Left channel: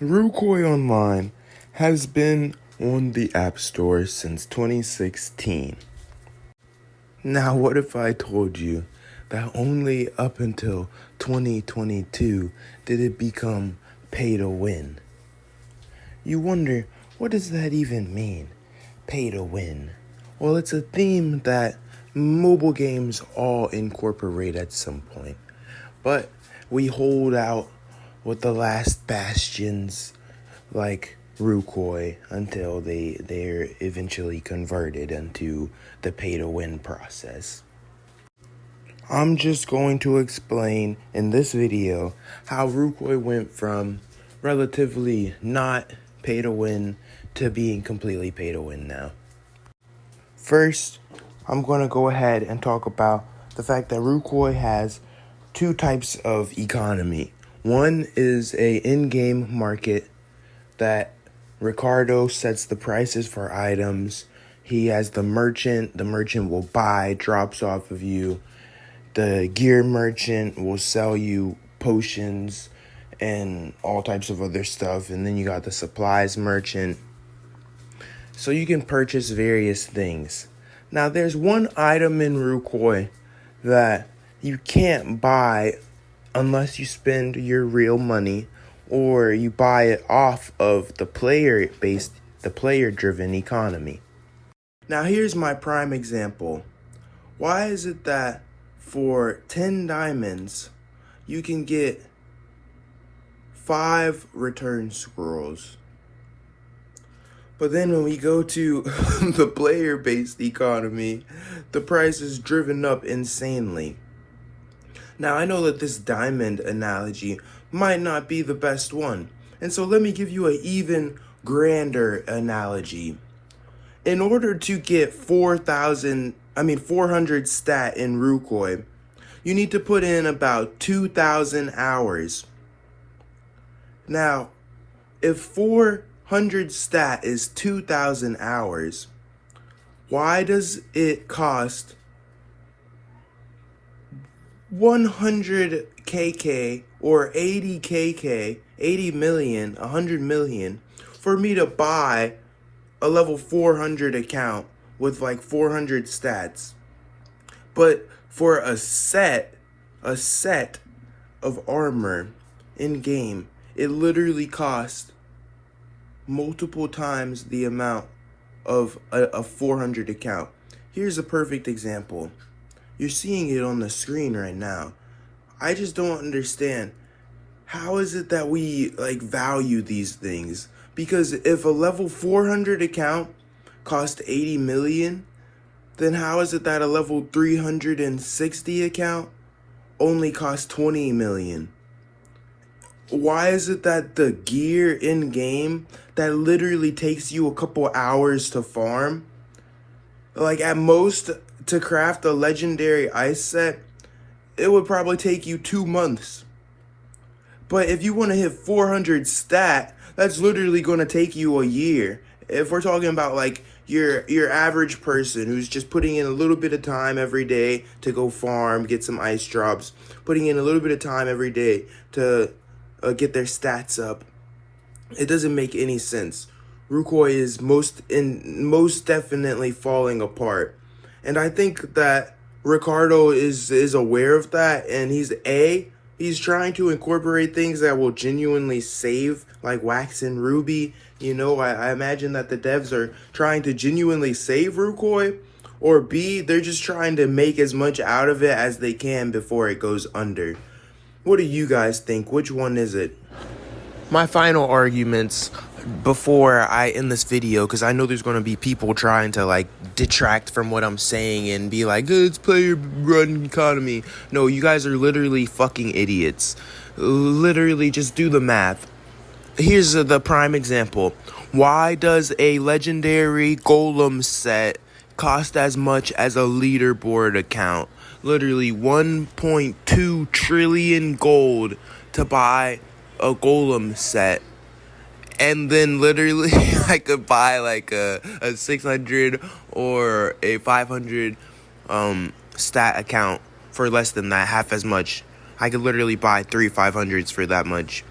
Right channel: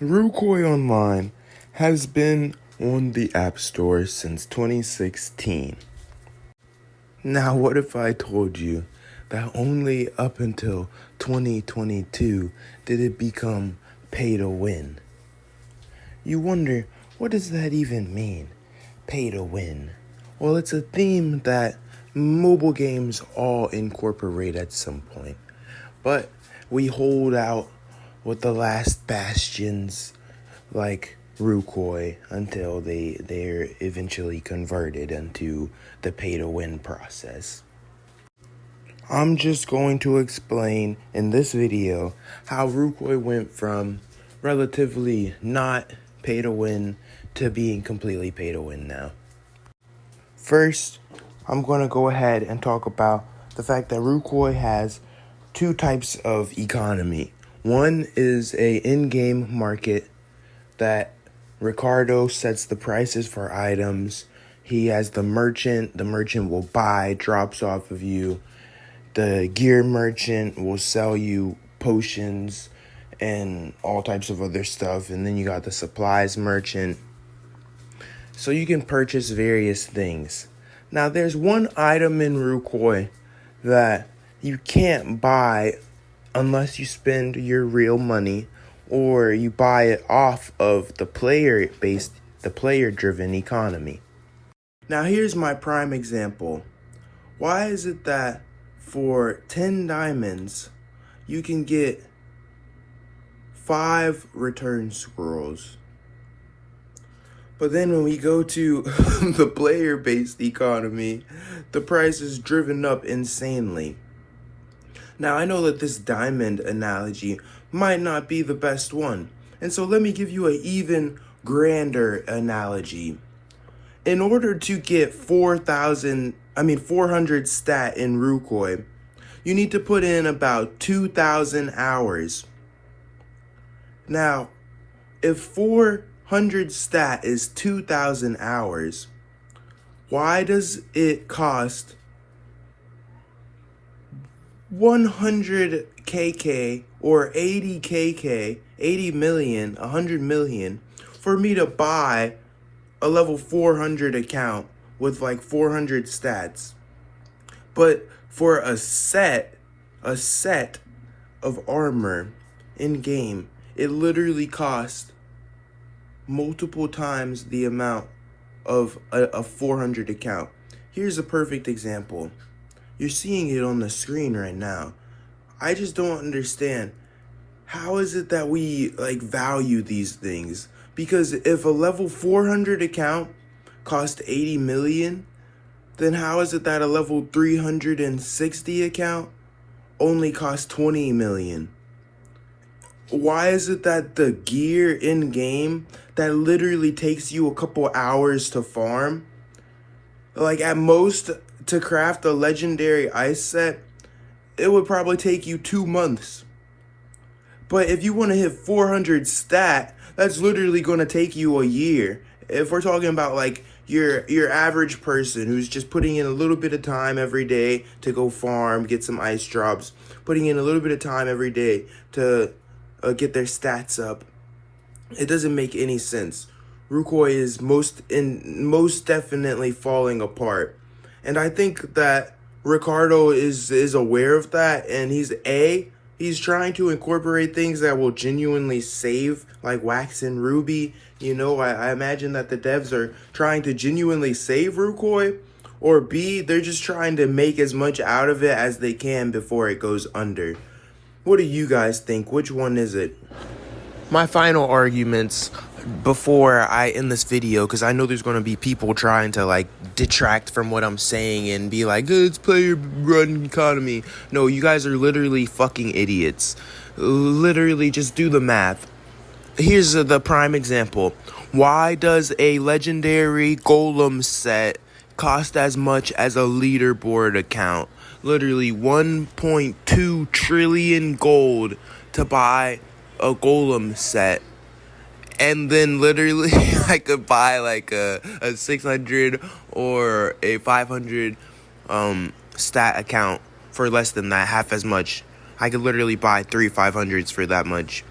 Rucoy Online has been on the App Store since 2016. Now, what if I told you that only up until 2022 did it become pay to win? You wonder, what does that even mean? Pay to win. Well, it's a theme that mobile games all incorporate at some point. But we hold out with the last bastions like Rucoy until they're eventually converted into the pay-to-win process. I'm just going to explain in this video how Rucoy went from relatively not pay-to-win to being completely pay-to-win now. First, I'm going to go ahead and talk about the fact that Rucoy has two types of economy. One is a in-game market that Ricardo sets the prices for items. He has the merchant will buy, drops off of you. The gear merchant will sell you potions and all types of other stuff. And then you got the supplies merchant. So you can purchase various things. Now there's one item in Rucoy that you can't buy unless you spend your real money or you buy it off of the player-driven economy. Now here's my prime example. Why is it that for 10 diamonds, you can get 5 return scrolls? But then when we go to the player-based economy, the price is driven up insanely. Now, I know that this diamond analogy might not be the best one. And so let me give you an even grander analogy. In order to get 400 stat in Rucoy, you need to put in about 2,000 hours. Now, if 400 stat is 2,000 hours, why does it cost 100 KK or 80 KK, 80 million, 100 million for me to buy a level 400 account with like 400 stats? But for a set of armor in game, it literally costs multiple times the amount of a 400 account. Here's a perfect example. You're seeing it on the screen right now. I just don't understand. How is it that we value these things? Because if a level 400 account cost 80 million, then how is it that a level 360 account only costs 20 million? Why is it that the gear in game that literally takes you a couple hours to farm, like at most to craft a legendary ice set, it would probably take you 2 months. But if you want to hit 400 stat, that's literally going to take you a year. If we're talking about like your average person who's just putting in a little bit of time every day to go farm, get some ice drops, putting in a little bit of time every day to get their stats up, it doesn't make any sense. Rucoy is most definitely falling apart. And I think that Ricardo is aware of that, and he's trying to incorporate things that will genuinely save, like Wax and Ruby. You know, I imagine that the devs are trying to genuinely save Rucoy, or B, they're just trying to make as much out of it as they can before it goes under. What do you guys think? Which one is it? My final arguments before I end this video, because I know there's going to be people trying to detract from what I'm saying and be like, it's player run economy. No, you guys are literally fucking idiots. Literally, just do the math. Here's the prime example. Why does a legendary golem set cost as much as a leaderboard account? Literally 1.2 trillion gold to buy a golem set. And then literally I could buy a 600 or a 500 stat account for less than that, half as much. I could literally buy 3 500s for that much.